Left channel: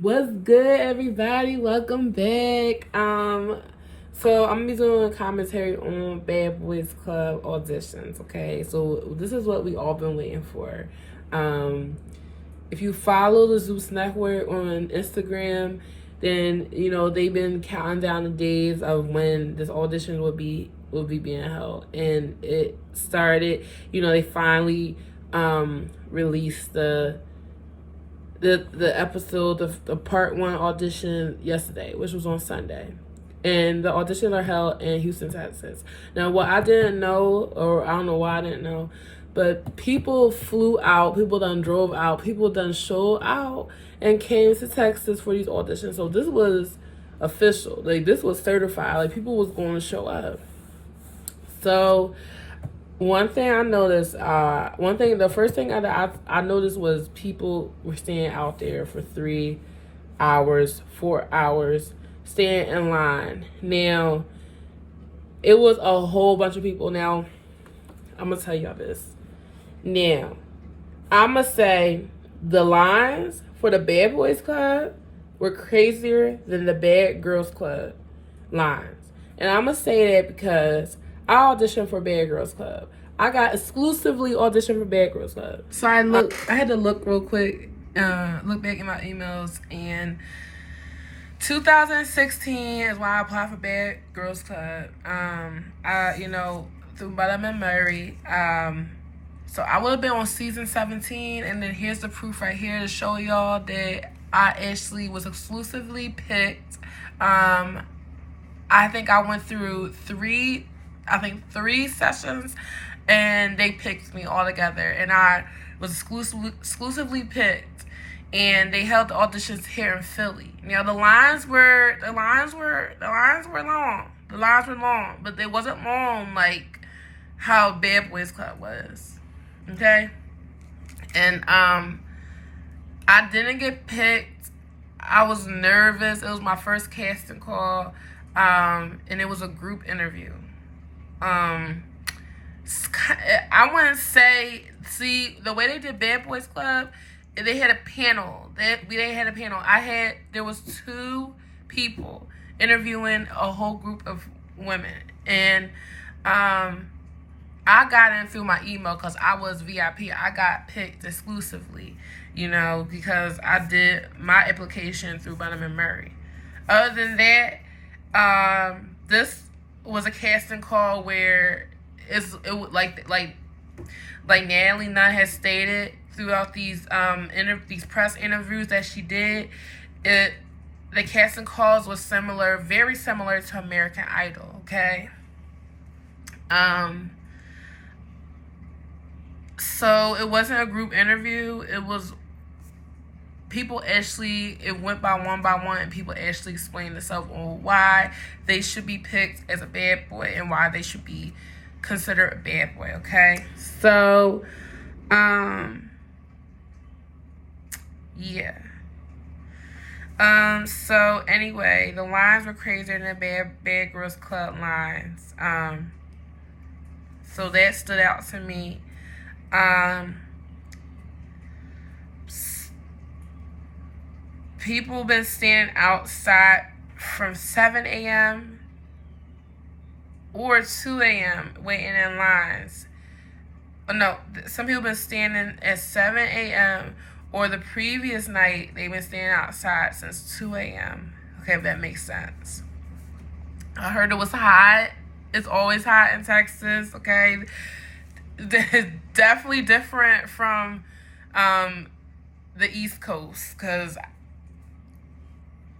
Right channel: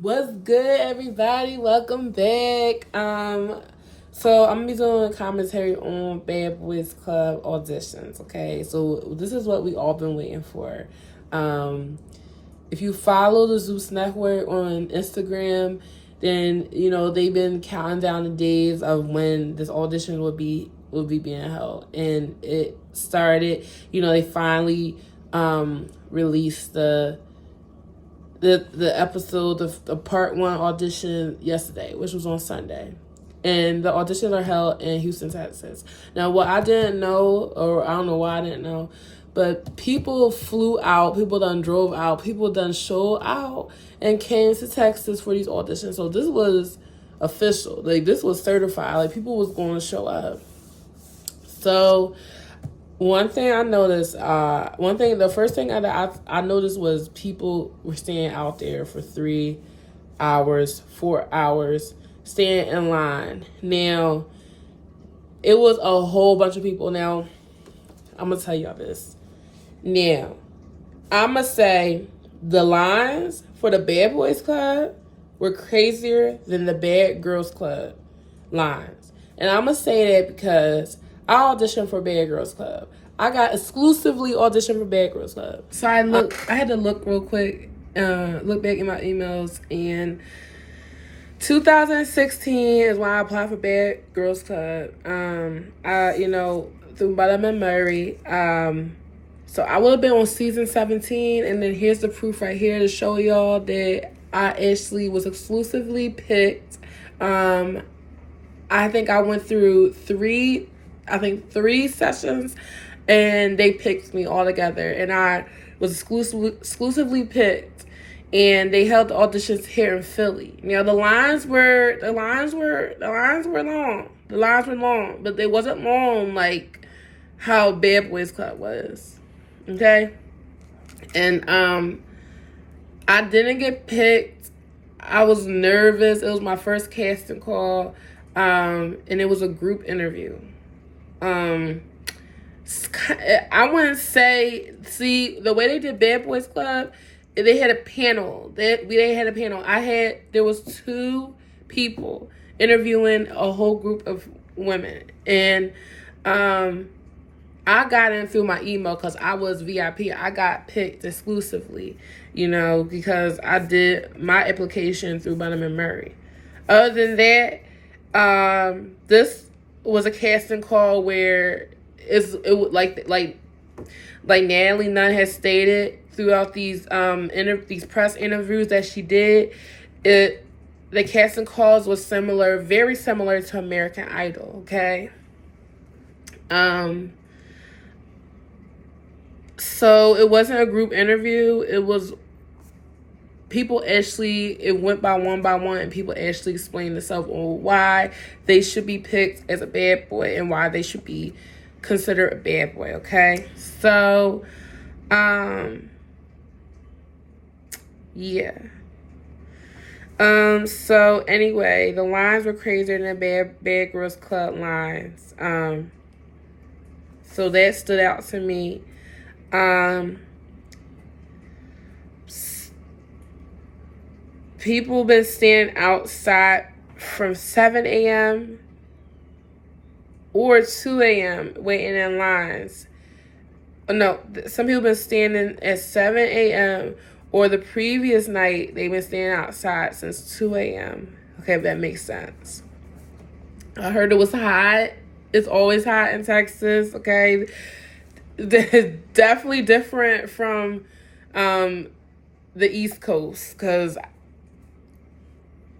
What's good, everybody? Welcome back. So I'm gonna be doing a commentary on Bad Boys Club auditions. Okay, so this is what we all been waiting for. Um, if you follow the Zeus Network on Instagram, then you know they've been counting down the days of when this audition would be being held, and it started. You know, they finally released the episode of the part one audition yesterday, which was on Sunday. And the auditions are held in Houston, Texas. Now, what I didn't know, or I don't know why I didn't know, but people flew out, people done drove out, people done showed out and came to Texas for these auditions. So this was official. Like, this was certified. Like, people was going to show up. So one thing I noticed, the first thing I noticed was people were staying out there for 3 hours, 4 hours, staying in line. Now, it was a whole bunch of people. Now, I'm going to tell y'all this. Now, I'm going to say the lines for the Bad Boys Club were crazier than the Bad Girls Club lines. And I'm going to say that because I auditioned for Bad Girls Club. I got exclusively auditioned for Bad Girls Club. So I had to look real quick, look back in my emails, and 2016 is when I applied for Bad Girls Club. Through Bada and Murray. So I would have been on season 17, and then here's the proof right here to show y'all that I actually was exclusively picked. I think I went through three sessions, and they picked me all together, and I was exclusively picked, and they held the auditions here in Philly. Now the lines were long. The lines were long, but they wasn't long like how Bad Boys Club was. Okay? And I didn't get picked. I was nervous. It was my first casting call. And it was a group interview. I wouldn't say, see, the way they did Bad Boys Club, they had a panel. They had a panel. There was 2 people interviewing a whole group of women. And I got in through my email because I was VIP. I got picked exclusively, because I did my application through Burnham and Murray. Other than that, this was a casting call where it like Natalie Nunn has stated throughout these these press interviews that she did. The casting calls was very similar to American Idol. Okay. So it wasn't a group interview. It was it went by one, and people actually explained themselves on why they should be picked as a bad boy and why they should be considered a bad boy, okay? So, yeah. So anyway, the lines were crazier than the Bad Girls Club lines. So that stood out to me. People been standing outside from 7 a.m. or 2 a.m. waiting in lines. No, some people been standing at 7 a.m. or the previous night they've been standing outside since 2 a.m. Okay, if that makes sense. I heard it was hot. It's always hot in Texas, okay? It's definitely different from the East Coast, because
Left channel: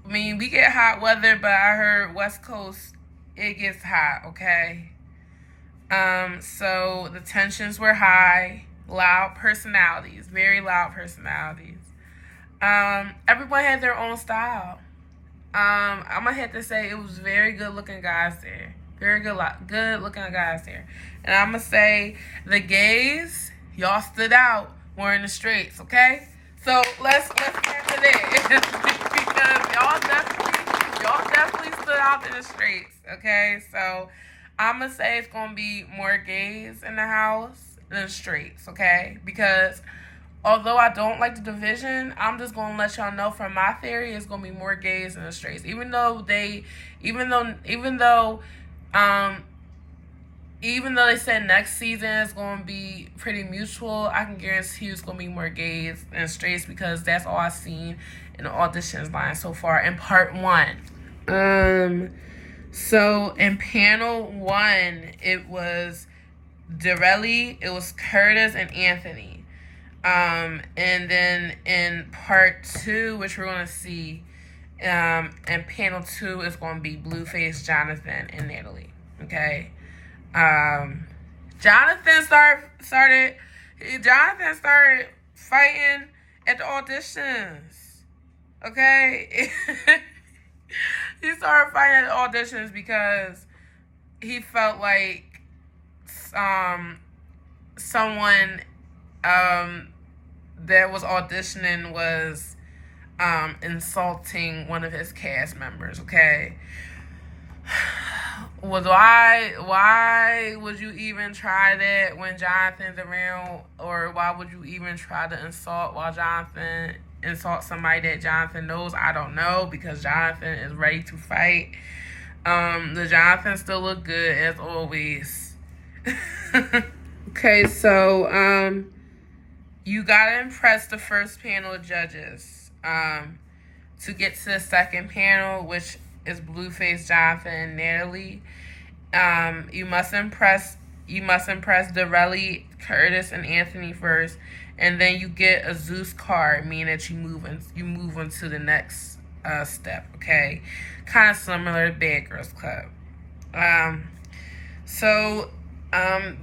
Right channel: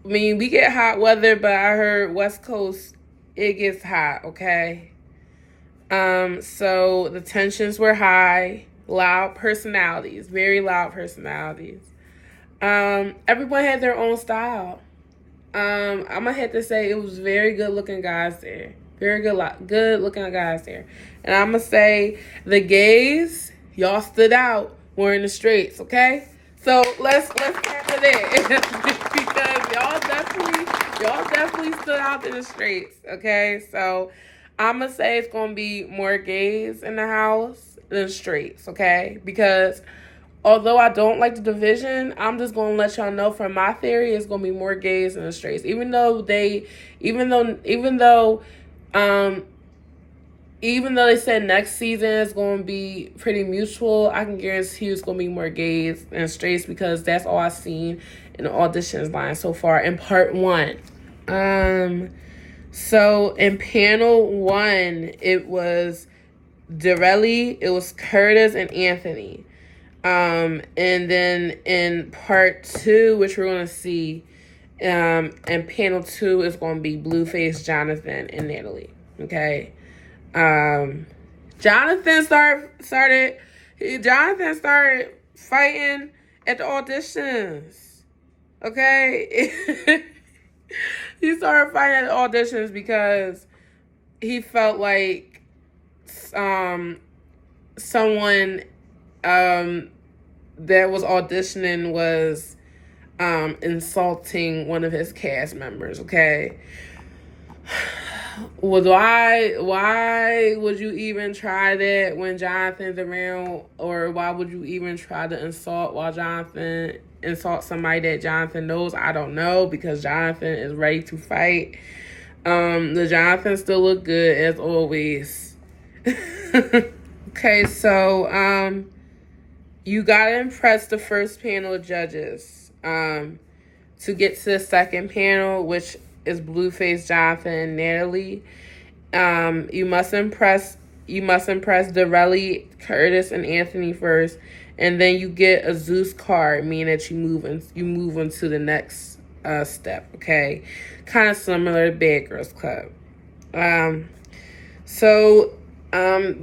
we get hot weather, but I heard West Coast, it gets hot, okay? So the tensions were high, loud personalities, very loud personalities. Everyone had their own style. I'm gonna have to say it was very good looking guys there. Very good looking guys there. And I'm gonna say the gays, y'all stood out wearing the straights, okay? So let's get to that. Because y'all definitely stood out in the straights, okay? So I'm gonna say it's gonna be more gays in the house than straights, okay? Because although I don't like the division, I'm just gonna let y'all know from my theory, it's gonna be more gays than the straights. Um, even though they said next season is going to be pretty mutual, I can guarantee it's going to be more gays than straights because that's all I've seen in the auditions line so far in part 1. So in panel 1, it was Dorelli, it was Curtis, and Anthony. And then in part 2, which we're going to see, and panel 2 is going to be Blueface, Jonathan, and Natalie. Okay. Jonathan started fighting at the auditions. Okay. He started fighting at the auditions because he felt like someone that was auditioning was insulting one of his cast members. Okay. Why would you even try that when Jonathan's around, or why would you even try to insult somebody that Jonathan knows? I don't know, because Jonathan is ready to fight. The Jonathan still look good as always. Okay, so you gotta impress the first panel of judges to get to the second panel, which is Blueface, Jonathan, and Natalie. You must impress Dorelli, Curtis, and Anthony first, and then you get a Zeus card, meaning that you move into the next step. Okay, kind of similar to Bad Girls Club. So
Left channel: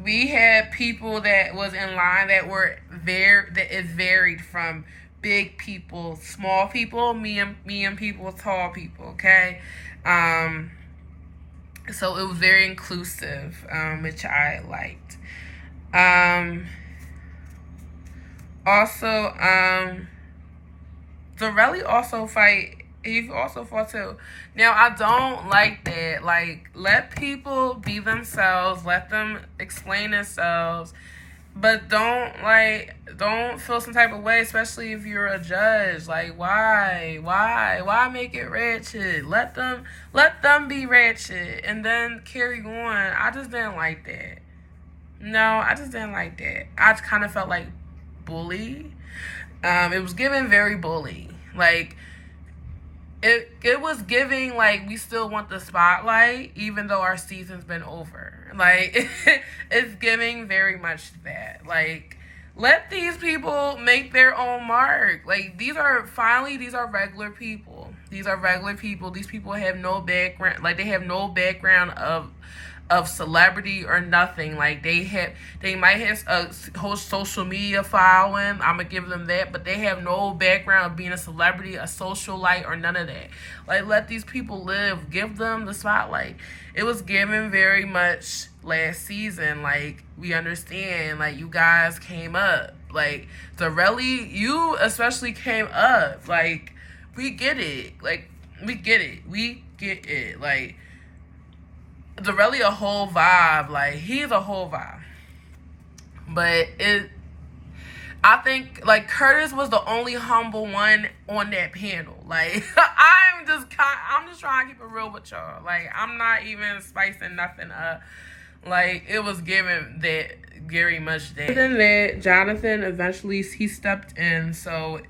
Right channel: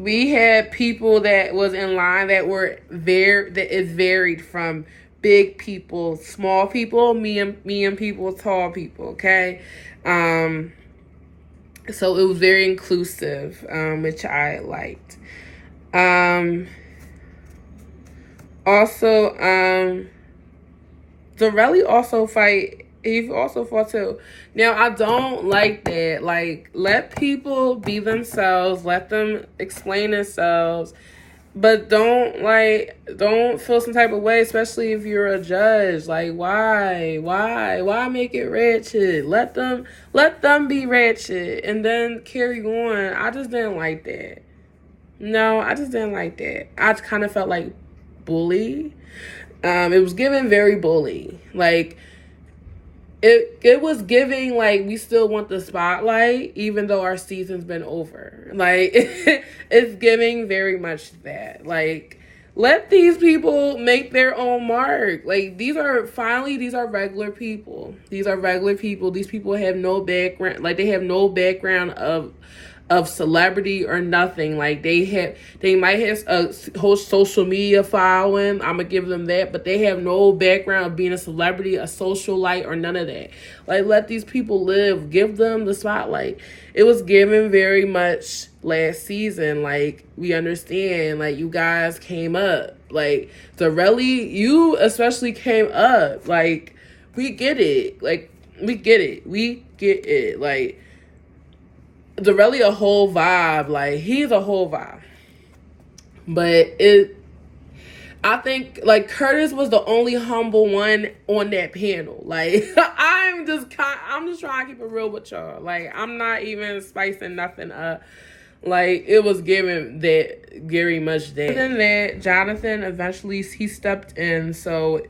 we had people that was in line that is varied from big people, small people, medium people, tall people. Okay, so it was very inclusive, which I liked. Also, Dorelli also fight. He also fought too. Now, I don't like that. Like, let people be themselves. Let them explain themselves. But don't feel some type of way, especially if you're a judge. Like, why make it ratchet? Let them be ratchet and then carry on. I just didn't like that. No, I just didn't like that. I kind of felt like bully. It was giving very bully. Like, it was giving like we still want the spotlight even though our season's been over. Like, it's giving very much that. Like, let these people make their own mark. Like, these are regular people. These people have no background. Like, they have no background of celebrity or nothing. Like, they might have a whole social media following. I'm gonna give them that, but they have no background of being a celebrity, a socialite, or none of that. Like, let these people live. Give them the spotlight. It was given very much last season. Like, we understand. Like, you guys came up. Like, Dorelli, you especially came up. Like, we get it. Like, we get it. Like, Dorelli a whole vibe. Like, he's a whole vibe. But I think, like, Curtis was the only humble one on that panel. Like, I'm just trying to keep it real with y'all. Like, I'm not even spicing nothing up. Like, it was given that very much that. Other than that, Jonathan eventually, he stepped in. So,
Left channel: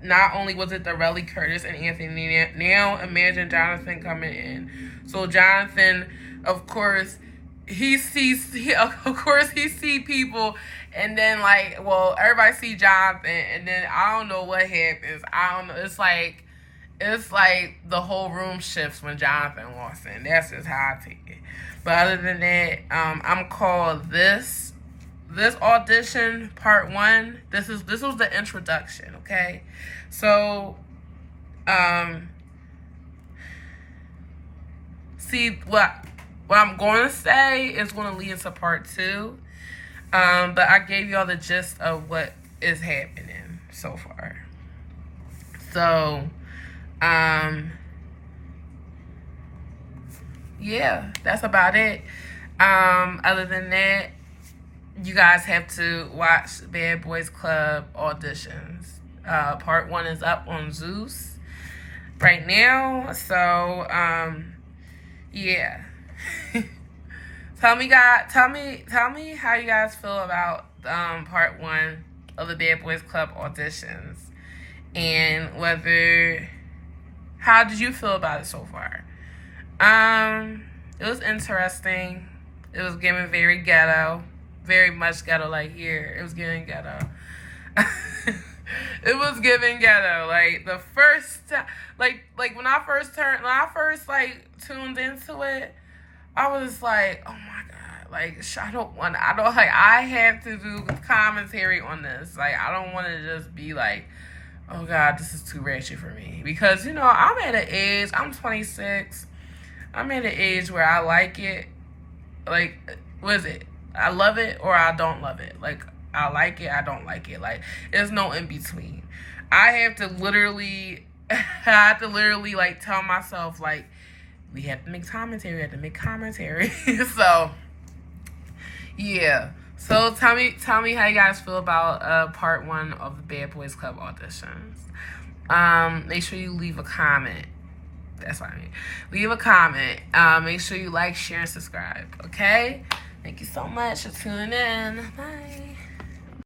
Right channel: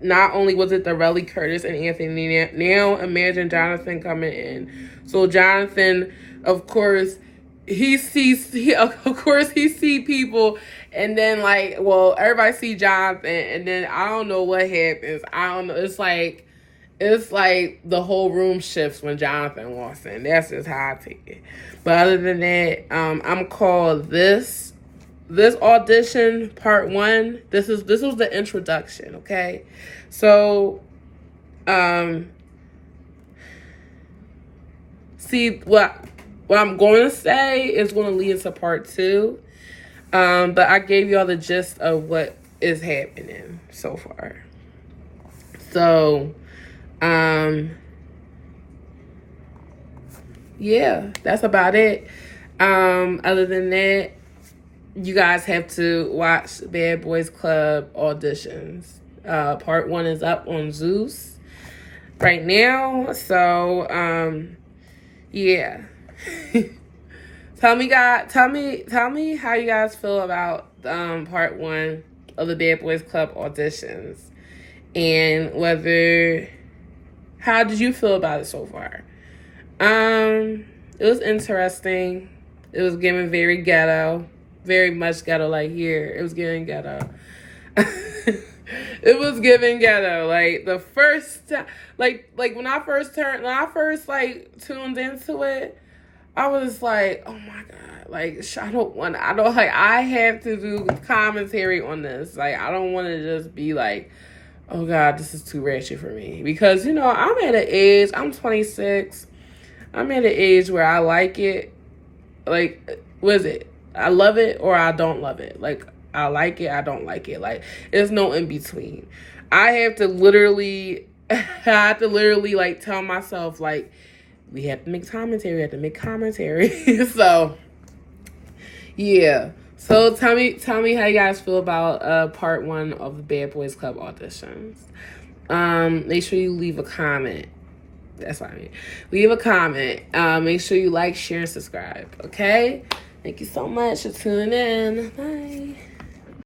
not only was it Dorelli, Curtis, and Anthony, now imagine Jonathan coming in. So, Jonathan, of course, he sees people, and then, like, well, everybody see Jonathan, and then I don't know what happens. I don't know. It's like the whole room shifts when Jonathan walks in. That's just how I take it. But other than that, I'm called this audition part 1. This was the introduction. Okay, so see what I'm going to say is going to lead into part 2. But I gave y'all the gist of what is happening so far. So, yeah, that's about it. Other than that, you guys have to watch Bad Boyz Club Auditions. Part 1 is up on Zeus right now. So, yeah. Tell me how you guys feel about part 1 of the Bad Boyz Club Auditions, and how did you feel about it so far? It was interesting. It was giving very ghetto, very much ghetto. Like here, it was giving ghetto. It was giving ghetto. Like the first time, like when I first tuned into it, I was like, oh my God, like I have to do commentary on this. Like, I don't want to just be like, oh God, this is too ratchet for me. Because, I'm at an age, I'm 26. I'm at an age where I like it. Like, what is it? I love it or I don't love it. Like, I like it, I don't like it. Like, there's no in between. I have to literally like tell myself, like, we have to make commentary. So, yeah. So tell me how you guys feel about part 1 of the Bad Boyz Club auditions. Make sure you leave a comment. That's what I mean. Leave a comment. Make sure you like, share, and subscribe. Okay? Thank you so much for tuning in. Bye.